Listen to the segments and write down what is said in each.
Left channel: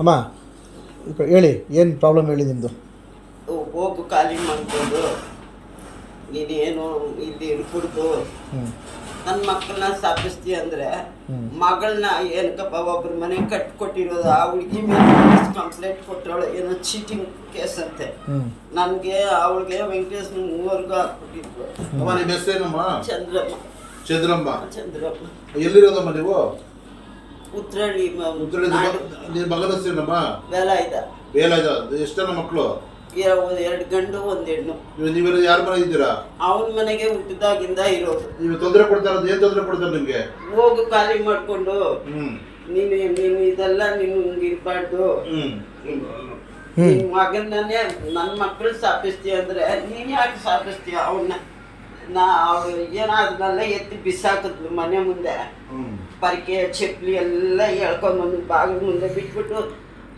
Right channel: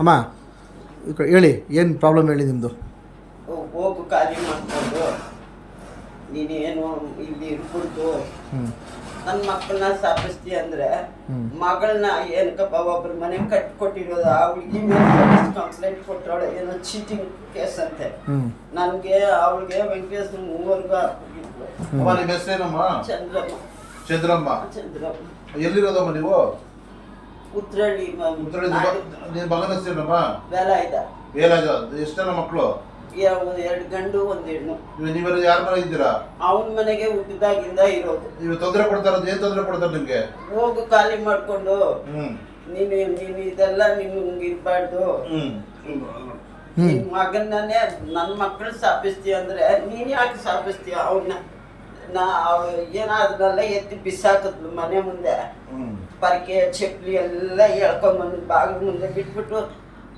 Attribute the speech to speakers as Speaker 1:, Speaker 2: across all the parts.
Speaker 1: ಅಮ್ಮ ಹೇಳಿ ಏನು ಪ್ರಾಬ್ಲಮ್ ಹೇಳಿ ನಿಮ್ಮದು
Speaker 2: ಹೋಗು ಖಾಲಿ ಮಾಡ್ಕೊಂಡು. ನೀನೇನು ಇಲ್ಲಿ ಕುಡಿದು. ನನ್ನ ಮಕ್ಕಳನ್ನ ಸ್ಥಾಪಿಸ್ತೀಯ ಅಂದರೆ. ಮಗಳನ್ನ ಏನಕ್ಕಪ್ಪ ಒಬ್ರ ಮನೆ ಕಟ್ಕೊಟ್ಟಿರೋದು ಆ ಹುಡುಗಿ ಮೇಲೆ ಕಂಪ್ಲೇಂಟ್ ಕೊಟ್ಟವಳು ಏನೋ ಚೀಟಿಂಗ್ ಕೇಸ್ ಅಂತೆ. ನನಗೆ ಅವಳಿಗೆ ವೆಂಕಟೇಶ್ ಮೂವರ್ಗೂ ಹಾಕ್ಬಿಟ್ಟಿದ್ರು. ಚಂದ್ರಮ್ಮ.
Speaker 3: ಚಂದ್ರಮ್ಮ.
Speaker 2: ಚಂದ್ರಮ್ಮ.
Speaker 3: ಎಲ್ಲಿರೋದಮ್ಮ ನೀವು?
Speaker 2: ಉತ್ರಳ್ಳಿ
Speaker 3: ಉತ್ತರ ನಿಮ್ಮ ಮಗನ ಹೆಸರೇನಮ್ಮ
Speaker 2: ವೆಲ ಇದ.
Speaker 3: ಎಷ್ಟನ ಮಕ್ಕಳು
Speaker 2: ಎರಡು ಗಂಡು ಒಂದ್ ಹೆಣ್ಣು.
Speaker 3: ನೀವು ನೀವೆಲ್ಲ ಯಾರ ಮನೆ ಇದ್ದೀರಾ?
Speaker 2: ಅವನ ಮನೆಗೆ ಹುಟ್ಟಿದಾಗಿಂದ ಇರೋದು.
Speaker 3: ನೀವು ತೊಂದರೆ ಕೊಡ್ತಾರ ಏನ್ ತೊಂದರೆ ಕೊಡ್ತಾರೆ ನಿಮ್ಗೆ?
Speaker 2: ಹೋಗು ಖಾಲಿ ಮಾಡ್ಕೊಂಡು.
Speaker 3: ಹ್ಮ್.
Speaker 2: ನೀನು ನೀನು ಇದೆಲ್ಲ ನೀನು ಇರ್ಬಾರ್ದು.
Speaker 3: ಹ್ಮ್.
Speaker 2: ನಿನ್ ಮಗನನ್ನೇ ನನ್ನ ಮಕ್ಕಳು ಸ್ಥಾಪಿಸ್ತೀಯ ಅಂದ್ರೆ ನೀನ್ ಯಾಕೆ ಸ್ಥಾಪಿಸ್ತೀಯ ಅವನ್ನ ನಾ ಅವ್ಳು ಏನಾದ್ರಲ್ಲ ಎತ್ತಿ ಬಿಸಾಕಿದ್ಲು ಮನೆ ಮುಂದೆ.
Speaker 3: ಹ್ಮ್.
Speaker 2: ಪರ್ಕೆ ಚಪ್ಲಿ ಎಲ್ಲ ಬಂದು ಬಾಗಿಲು ಮುಂದೆ ಬಿಟ್ಬಿಟ್ಟು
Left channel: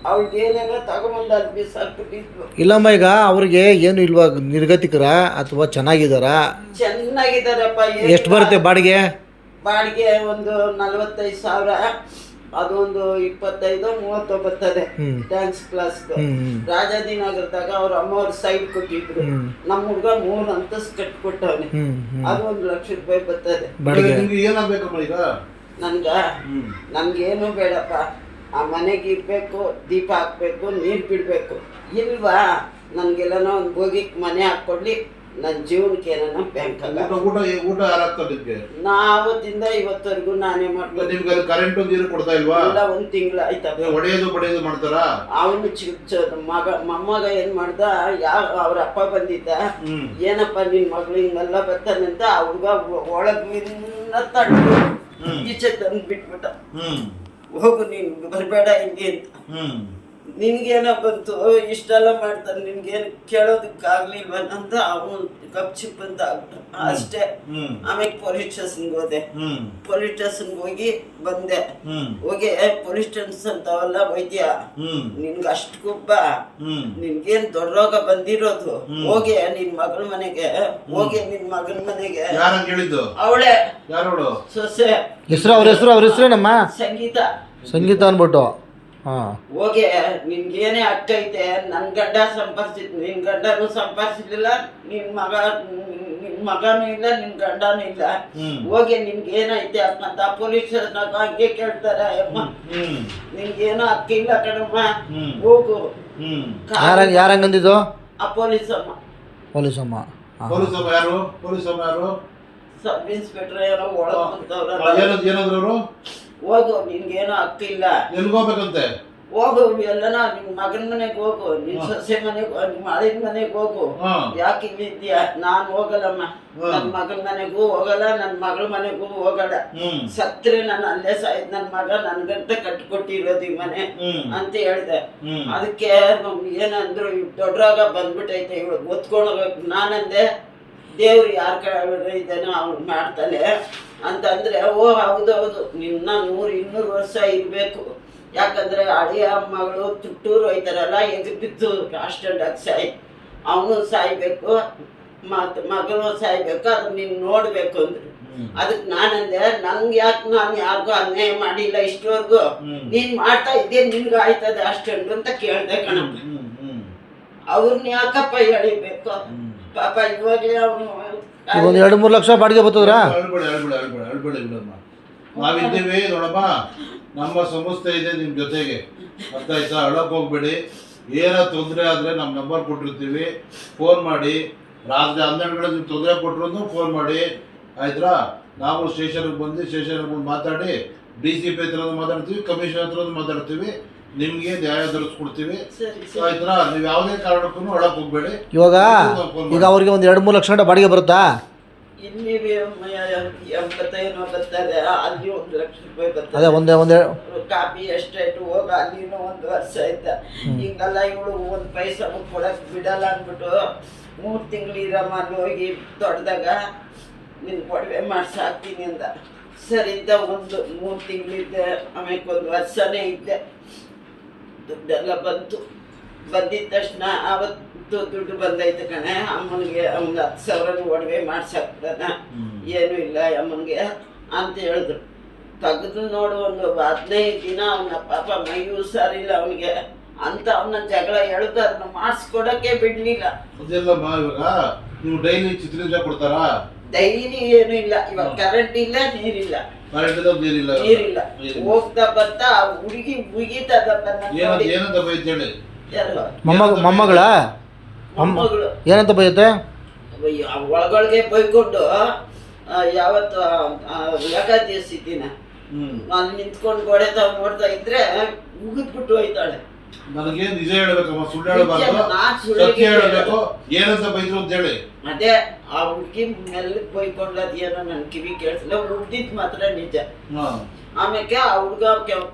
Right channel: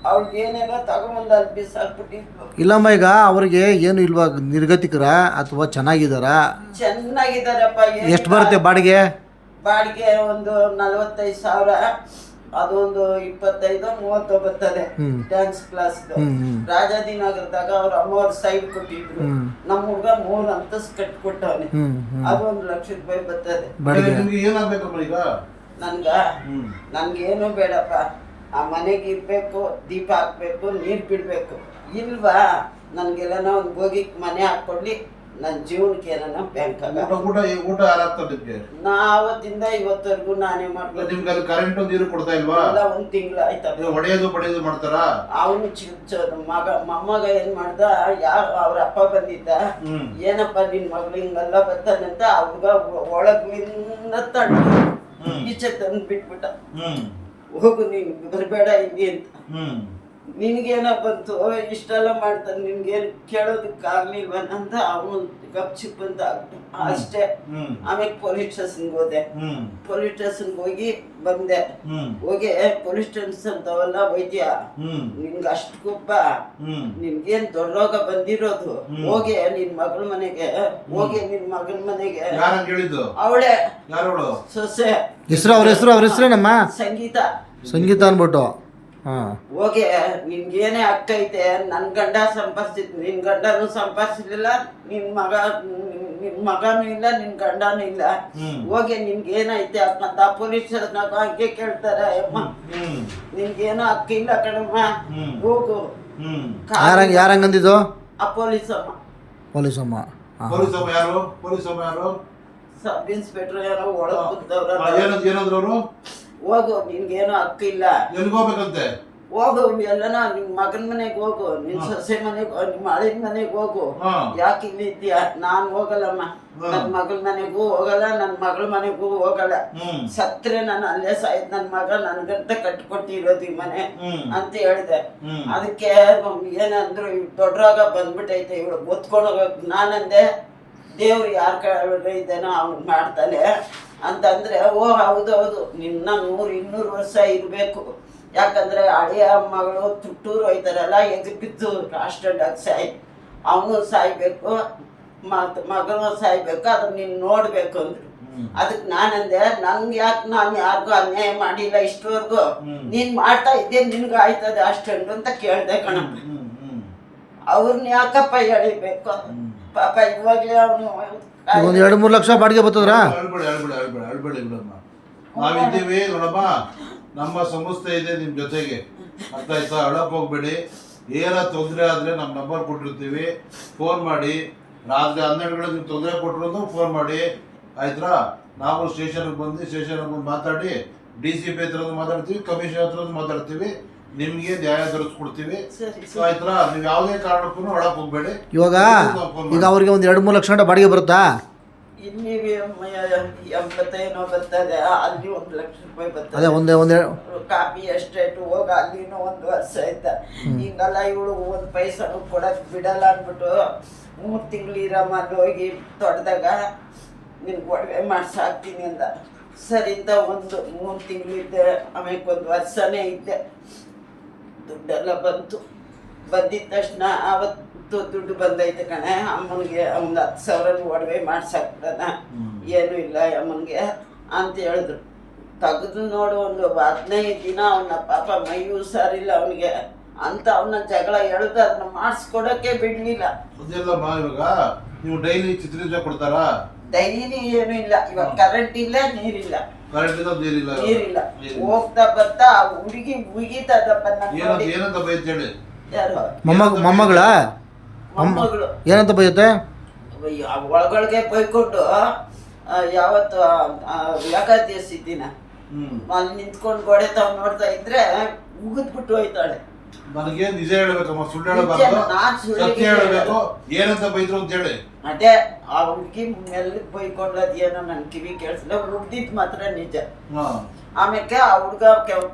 Speaker 2: ಅವ್ರಿಗೆ ಏನೇನೋ ತಗೊಂಬಂದು ಅಲ್ಲಿ
Speaker 1: ಇಲ್ಲಮ್ಮ ಈಗ ಅವ್ರಿಗೆ ಏನು ಇಲ್ವಾ ನಿರ್ಗತಿಕರ ಅಥವಾ ಚೆನ್ನಾಗಿದಾರ
Speaker 2: ಚೆನ್ನಾಗಿದ್ದಾರಪ್ಪ
Speaker 1: ಎಷ್ಟು ಬರುತ್ತೆ ಬಾಡಿಗೆ?
Speaker 2: ಬಾಡಿಗೆ ಒಂದು ನಲ್ವತ್ತೈದು ಸಾವಿರ ಅದೊಂದು ಇಪ್ಪತ್ತೈದು ಮೂವತ್ತು ಬರ್ತದೆ
Speaker 1: ಹ್ಮ್.
Speaker 2: ಡ್ಯಾನ್ಸ್ ಕ್ಲಾಸ್
Speaker 1: ಹ್ಮ್, ಹ್ಮ್.
Speaker 2: ರಾಜಾದಿನಗರದಾಗ ಅವ್ರ ಅಮ್ಮವ್ರ ಸೈಡ್ ಕೊಟ್ಟಿದ್ರು.
Speaker 1: ಹ್ಮ್.
Speaker 2: ನಮ್ಮ ಹುಡುಗ ಮೂರು ಅಂತಸ್ ಕಟ್ಕೊಟ್ಟವನೆ.
Speaker 1: ಹ್ಞೂ ಹ್ಞೂ
Speaker 2: ಅದು ಒಂದು ಲಕ್ಷ ರೂಪಾಯಿ ಬರ್ತದೆ.
Speaker 1: ಬಾಡಿಗೆ.
Speaker 3: ನಿಮ್ಗೆ ಏನಾಗ್ಬೇಕಮ್ಮ ಈಗ?
Speaker 2: ನನ್ಗ?
Speaker 3: ನಮ್ಗೇನು
Speaker 2: ನನ್ಗೇನು ಬೇಡಪ್ಪ. ಆ ಮನೆಗೆ ಇರ್ಬೇಕು ದೀಪ ಹಾಕ್ಬೇಕು ನೀರು ಬಿಡಬೇಕು. ಇಲ್ವಾ? ನನ್ಗೆಲ್ಲನೋ ಒಂದು ಹೋಗಿ ಮನೆ ಹಾಕ್ಕೊಡ್ಲಿ. ನನ್ನ ಜೀವನಕ್ಕೆ ಏನೋ ಬ್ಯಾಂಕ್
Speaker 3: ಊಟ ಊಟ
Speaker 2: ನಾ ಆವತ್ತಿಂದ ಇವತ್ತವರೆಗೂ ನಾನೇ ಮಾಡ್ಕೊಂಡು
Speaker 3: ನಿಮ್ಗೆ ಕರೆಂಟ್ ನೀರು ಕೊಡ್ತಾ ಇಲ್ವಾ?
Speaker 2: ಎಲ್ಲ ಒಂದು ತಿಂಗಳು
Speaker 3: ಆಯ್ತು ಬಡಿಯೋದು ಮಾಡ್ತಾರಾ?
Speaker 2: ಅವನು ಚಿಕ್ಕ ಮಗ ಮೊಮ್ಮಗ ಏನ್ ಮಾಡ್ದ? ಯಾವ ಅವ್ರ ಅಪ್ಪ ಬಂದಿದ್ದ. ಏನಪ್ಪ ನಿನ್ ಮಗಳು ಹಿಂಗೆಲ್ಲ ಬರ್ತಾನಂತ? ಅವ್ರಿಗ ಒಳಗಿಂದ ತಡ್ದು.
Speaker 3: ಹ್ಮ್.
Speaker 2: ಈಚೆ ತಂದು ಬಿಟ್ಬಿಟ್ಟ
Speaker 3: ಹ್ಮ್
Speaker 2: ಹೋಗು ನೀನು ಬರಬೇಡ ಇಲ್ಲಿ ಅಂತ
Speaker 3: ಹ್ಮ್
Speaker 2: ನಿನ್ಗೇನ ಬಂತು? ಇಷ್ಟೆಲ್ಲ ಮಾಡ್ತಾರೆ. ನಿನ್ಗೇನು ಕೇಳೋದಕ್ಕಾಗ್ಲಿಲ್ವ ಅಂತ ಅವನು ಕಪ್ ಚಿಪ್ ಅಂತ ಆಗ್ಬಿಟ್ಟು ಅಷ್ಟೇ. ಆಮೇಲೆ ಪೊಲೀಸ್ ಸ್ಟೇಷನ್ಗೆ ಹೋದೆ. ಪೊಲೀಸ್ ಸ್ಟೇಷನ್ಗೆ ಹೋಗಿ ಬಂದೆ. ಹೋಗಿ ಪೊಲೀಸ್ ಸ್ಟೇಷನ್ ಅಂತವಲ್ಲ ವೈದ್ಯ.
Speaker 3: ಹ್ಮ್.
Speaker 2: ನಿನ್ಗೆ ಅಷ್ಟು ಗುಬ್ಬ
Speaker 3: ನಿನ್ಗೇನು
Speaker 2: ನಿನ್ಗೇನ್ ದೊಡ್ಡ ರೋಗ ಬಂದಿರೋದು. ಹೋಗಿ ನಿನ್ ಮಗಳ ಮನೆಗೆ. ಹೋಗಿ ನಿನ್ ಮಗನ ಮನೆಗೆ. ಅವಳೆ.
Speaker 3: ಯಾರೋಳು?
Speaker 2: ಸೊಸೆ.
Speaker 1: ಹೆಸರು ಅವ್ರ ಹೆಸರು ಅವ್ರ ಹೆಸರೇನಮ್ಮ?
Speaker 2: ಸಂಗೀತ.
Speaker 1: ಸಂಗೀತ ಅನ್ಬಿಟ್ಟು
Speaker 2: ಹೋಗಿ ನಿನ್ಗೇನೇ ಅಕ್ಕ ಐತೆ ನನ್ ಗಂಡ ಸಂಪಾದಿಸಿದ್ ನಿನ್ ಗಂಡನು ಸಂಪಾದಿಸಿರ್ಲಿಲ್ಲ ನಿನ್ ಮಗ ನಿನ್ ಮಗನೂ ಇಲ್ಲ ನಿನ್ ಗಂಡನೂ ಇಲ್ಲ. ಹೋಗಿ ನಿನ್ಗೇನೈತೆ ಅಂತ ಪೊಲೀಸ್ ಹಂಗೆ ಕೇಳ್ತಾರೆ ಅಮ್ಮ ನಿನ್ಗೇನೋ ಅಕ್ಕ ಇಲ್ಲ ಕಣಮ್ಮ. ಹೋಗು.
Speaker 1: ಯಾರಂಗಂದಿದ್ದು
Speaker 2: ಆ ಪೊಲೀಸ್ ಅಮ್ಮ
Speaker 1: ಪೊಲೀಸಮ್ಮ.
Speaker 3: ಪೊಲೀಸ್ ಅಮ್ಮ ಯಾರು? ಪೊಲೀಸ್ ಅಮ್ಮ ಯಾರು?
Speaker 2: ಸಬ್ ಇನ್ಸ್ಪೆಕ್ಟರ್ ಏನೋ ಒಳಗೆ
Speaker 3: ಏನಂದ್ರು ಅವರು?
Speaker 2: ಹೋಗು ನಿನ್ಗೇನು ಆಗ್ತಿಲ್ಲ
Speaker 3: ಎಲ್ಗೋಗ್ಬೇಕಂತೆ
Speaker 2: ಹೋಗು ಎಲ್ಲನ ನಿನ್ ಮಗನ ಮನೆಗೆ ಹೋಗು ನಿನ್. ಸೊಸೆ ಮನೆಗೆ ನಿಮ್ಮ ಅಳಿನ ಮನೆಗೆ ಹೋಗು. ಯಾಕೆ ಇಲ್ಲಿದ್ಯಾ ನಾನು ಹೋಗಲ್ಲಮ್ಮ. ನನ್ ಮಗನ ಮನೆಗೂ ಹೋಗಲ್ಲ ನನ್ ಮಗಳ ಮನೆಗೂ ಹೋಗಲ್ಲ. ಸತ್ರೆ ನಾನು ಅಲ್ಲೇ ಸಾಯ್ತು ನನ್ ಮಗ ನನ್ಗಂತ ಕಟ್ಕೊಟ್ಟಿರೋದು ಈ ಮನೆ ಅಂತ ಹೇಳಿದೆ. ಅದಕ್ಕೆ ಏನಂದ್ರು ಇವ್ ದೊಡ್ಡ ರೋಗ ಬಂದ್ಬಿಟ್ಟೈತೆ ಇವಳು ಓದ್ಕೊಂಡು ಹೋಗ್ಬೇಕು. ನಾನಂದೆ ದೇವ್ರು ಯಾರ ಕಡೆ ಇದ್ದಾನೋ ಅವ್ನು ಮಾಡ್ತಾನೆ. ಅಂತಂದ್ರೆ ಓ ಹೌದು ಹೌದು. ನಿನ್ನ ನೂರು ಇನ್ನೂರು ವರ್ಷ ಇರಬೇಕು. ಯಾಕಂದ್ರೆ ಅಳಿಯ ಮಗಳು ತುಟ್ಟೂರು ಹೋಯ್ತಾರಲ್ಲ ಎದು ಬಿದ್ದು ಆಕ್ಸಿಡೆಂಟ್ ಸಾಯಿ ಅವನು ಸಾಯ್ಬೇಕು ಮತ್ ಮಗನು ಸಾಯ್ಬೇಕು ಅದನ್ನ ನೀನು ನೋಡ್ಬೇಕು ಅಂದ್ರು.
Speaker 3: ಅದಕ್
Speaker 2: ಅದಕ್ಕೆ ನಾನಂದೆ ನಂಗೆ ಯಾಕೆ ನಾನು ಯಾರಿಗೂ ಅನ್ಯಾಯ ಮಾಡಿಲ್ಲ ಇಷ್ಟವರೆಗೂ? ನೀನು ಮಾಡ್ತಾ ಇದ್ದೆ ನಿನ್ಗೆ ಆಯ್ತದೆ ಅಷ್ಟೊಂದು ಅಂತ ಕೇಳ್ದೆ
Speaker 3: ಕಣಮ್ಮ
Speaker 2: ಅವ್ರನ್ನ ಯಾಕಪ್ಪ ಎಳಿಬೇಕು
Speaker 3: ಹ್ಮ್.
Speaker 2: ಪಾಪ ಇವಾಗ್ಲೇ ಅವನು
Speaker 1: ಈಗ ಒಂದು ಎರಡು ಮೂರು ಲಕ್ಷ ಬಾಡಿಗೆ ಬರ್ತದ್ರಾ?
Speaker 3: ನಾವು ನಾವಿದ್ದೀವಿ ನೋಡಪ್ಪ ನಮ್ಮ ಸಂಸ್ಥೆ ಇದೆ ನಿಮ್ಮ ಜೊತೆಗೆ. ಅರ್ಥ ಆಯ್ತಾ ಅಳಕ್ ಹೋಗ್ಬೇಡಿ. ಏನೋ ತೊಂದರೆ ಆದರೆ ನಮ್ಮ ನಂಬರ್ ಕೊಟ್ಟಿರ್ತೀವಿ. ಫೋನ್ ಮಾಡಿ. ರಾತ್ರಿ ಹನ್ನೆರಡು ಗಂಟೆ ನಿಮ್ಗೆ ತೊಂದರೆ ಕೊಟ್ಟರು ಫೋನ್ ಮಾಡಿ. ಆಯ್ತಾ? ನಾವು ಸ್ಟೇಷನ್ಗೆ ಬಂದು ಸ್ಟೇಷನ್ಗೆ ಬಂದು ಮಾತಾಡಿ ಡಿ ಸಿ ಪಿ ಹತ್ರ ಮಾತಾಡ್ತೀವಿ ಕಮಿಷನ್ ಹತ್ರ ಮಾತಾಡ್ತೀವಿ. ನಿಮಗೆ ನ್ಯಾಯ ದೊರಕಿಸ್ಕೊಡ್ತೀವಿ
Speaker 2: ಸರಿ
Speaker 3: ಆಯ್ತಾ? ನೀವು ಯಾವುದೇ ಕಾರಣಕ್ಕೂ ಒಳಗೆ ಹೋಗ್ಬೇಡಿ.
Speaker 1: ಇವಾಗ ಈಗ ಅವ್ರಿಗೆ ಒಂದು ಎರಡು ಮೂರು ಲಕ್ಷ ಗಂಟೆ ಬಾಡಿಗೆ ಬರುತ್ತಾ?
Speaker 2: ಇಲ್ಲಿ ಎಂಬತ್ತೇನೋ ಬರ್ತದೆ ಅಲ್ಲಿ ಒಂದು ಲಕ್ಷ ರೂಪಾಯಿ
Speaker 1: ಅದೇ
Speaker 2: ಬರ್ತದೆ
Speaker 1: ಒಂದೇ ಒಂದೇ
Speaker 2: ಕಾಪಿ ಎಸ್ಟೇಟ್ ಹೋಗ ಅಲ್ಲಿನೂ ಒಂದು ವರ್ಷ ಆಯ್ತ ಹಿಂಗಲ್ಲ ಇವಳು ಒಂದು ಪೈಸನು ಕೊಡಕ್ ಬಿಡಲ್ಲ ಅಂದ್ಬಿಟ್ಟು ಮೂರು ತಿಂಗಳು ಇರಮ್ಮ ಅಲ್ಲಿ ಹೋಗಿ ದೊಡ್ಡದಾಗ ನಿನ್ಗೆ ಒಡವೆ ಮಾಡ್ಸಾಕ್ತೀನಿ ಅಂದ. ಸರಿ ಇದ್ದ ಒಂದು ಮೂರು ತಿಂಗಳಿದ್ದೆ ಆಮೇಲೆ ಒಂದು ವರ್ಷನೇ ಇದ್ದೆ. ದುಡ್ಡೆಲ್ಲ ಬಂತು. ಬಂದಿದ್ದ ತಕ್ಷಣ ಅವತ್ತು ದುಡ್ಡು ಬಂದೈತೆ ಕಣೆ. ಅಮ್ಮನಿಗೆ ಒಂದು ಹತ್ತು ಸಾವಿರನೂ ಒಡವೆ ಮಾಡ್ಸಾಕ್ತಾನ. ಏನೂ ಇಲ್ಲ ಅಮ್ಮನಿಗೆ ಅಂತ ಹೇಳಿದ್ರು. ತೆಗೆದು ನೋಡು ಒಂದು ಹದಿನೈದು ದಿನ ಅವನ ಪಾಪ ಮೈ ಹುಷಾರಿಲ್ಲ ಅವನಿಗೆ. ಅಂತ ಅವನ ಜಗಳ ಎಳ್ದು ಅದನ್ನ ಮಾಡಿಸ್ಕೊಡಕ್ಕೆ ಬಿಡ್ಲಿಲ್ಲ.
Speaker 3: ಬಾ ಇವಾಗ? ನೀವು ಡೈಲಿ ಚಿತ್ರದಿಂದ ಕೊಡ್ತಾರಾ?
Speaker 2: ಡೈಲಿ ಏನು ಇಲ್ಲ. ಇವಾಗ ಕರೆಂಟ್ ಇಲ್ಲ ನೀರಿಲ್ಲ.
Speaker 3: ನೀರಿಲ್ಲ.
Speaker 2: ಹೋಗ್ತಾ ಬರ್ತಾ ಆ ಹುಡುಗಿ ಮುಗಿತದಪ್ಪ
Speaker 1: ಮೊಮ್ಮಗಳ?
Speaker 2: ಮೊಮ್ಮಗಳು.
Speaker 1: ಏನಂತ ಬೈಯುತ್ತೆ?
Speaker 2: ಅಯ್ಯೋ, ಆ ಒಳಗೊಳಗೆ ಬೈಕೊಂಡು ಯಾವತ್ತು ಏಕಾದಶಿ ದಿನ. ಅಲ್ಲಿ ನಿಂತ್ಕೊಂಡು ಗೋಡೆ ತಾವ್ ನೋಡ್ತಾ ಇದ್ರೆ ಮುಗಿದ್ಬಿಟ್ಟು ಹೋಯ್ತಾಳೆ.
Speaker 3: ನನಗೆ ನಿಜ ಹೇಳ್ಬೇಕಮ್ಮ ಸುಳ್ಳು ಹೇಳಬಾರ್ದು. ಸತ್ಯ ಹೇಳ್ಬೇಕು. ಏನಂತ ಬೈದ್ರು ಅಂತ ಹೇಳಿ.
Speaker 2: ಅದೇ ಆ ಹುಡುಗಿ ಮೆಲ್ಲಗ್ ಬೈಕೊಂಡದ್ ಏನೋ ನನ್ ಕಿವಿ ಕೇಳಿಸಿಲ್ಲ ಹುಡ್ದಿದ್ ಮಾತ್ರ ನಿಜ. ಆಮೇಲೆ ಆ ಹುಡ್ಗ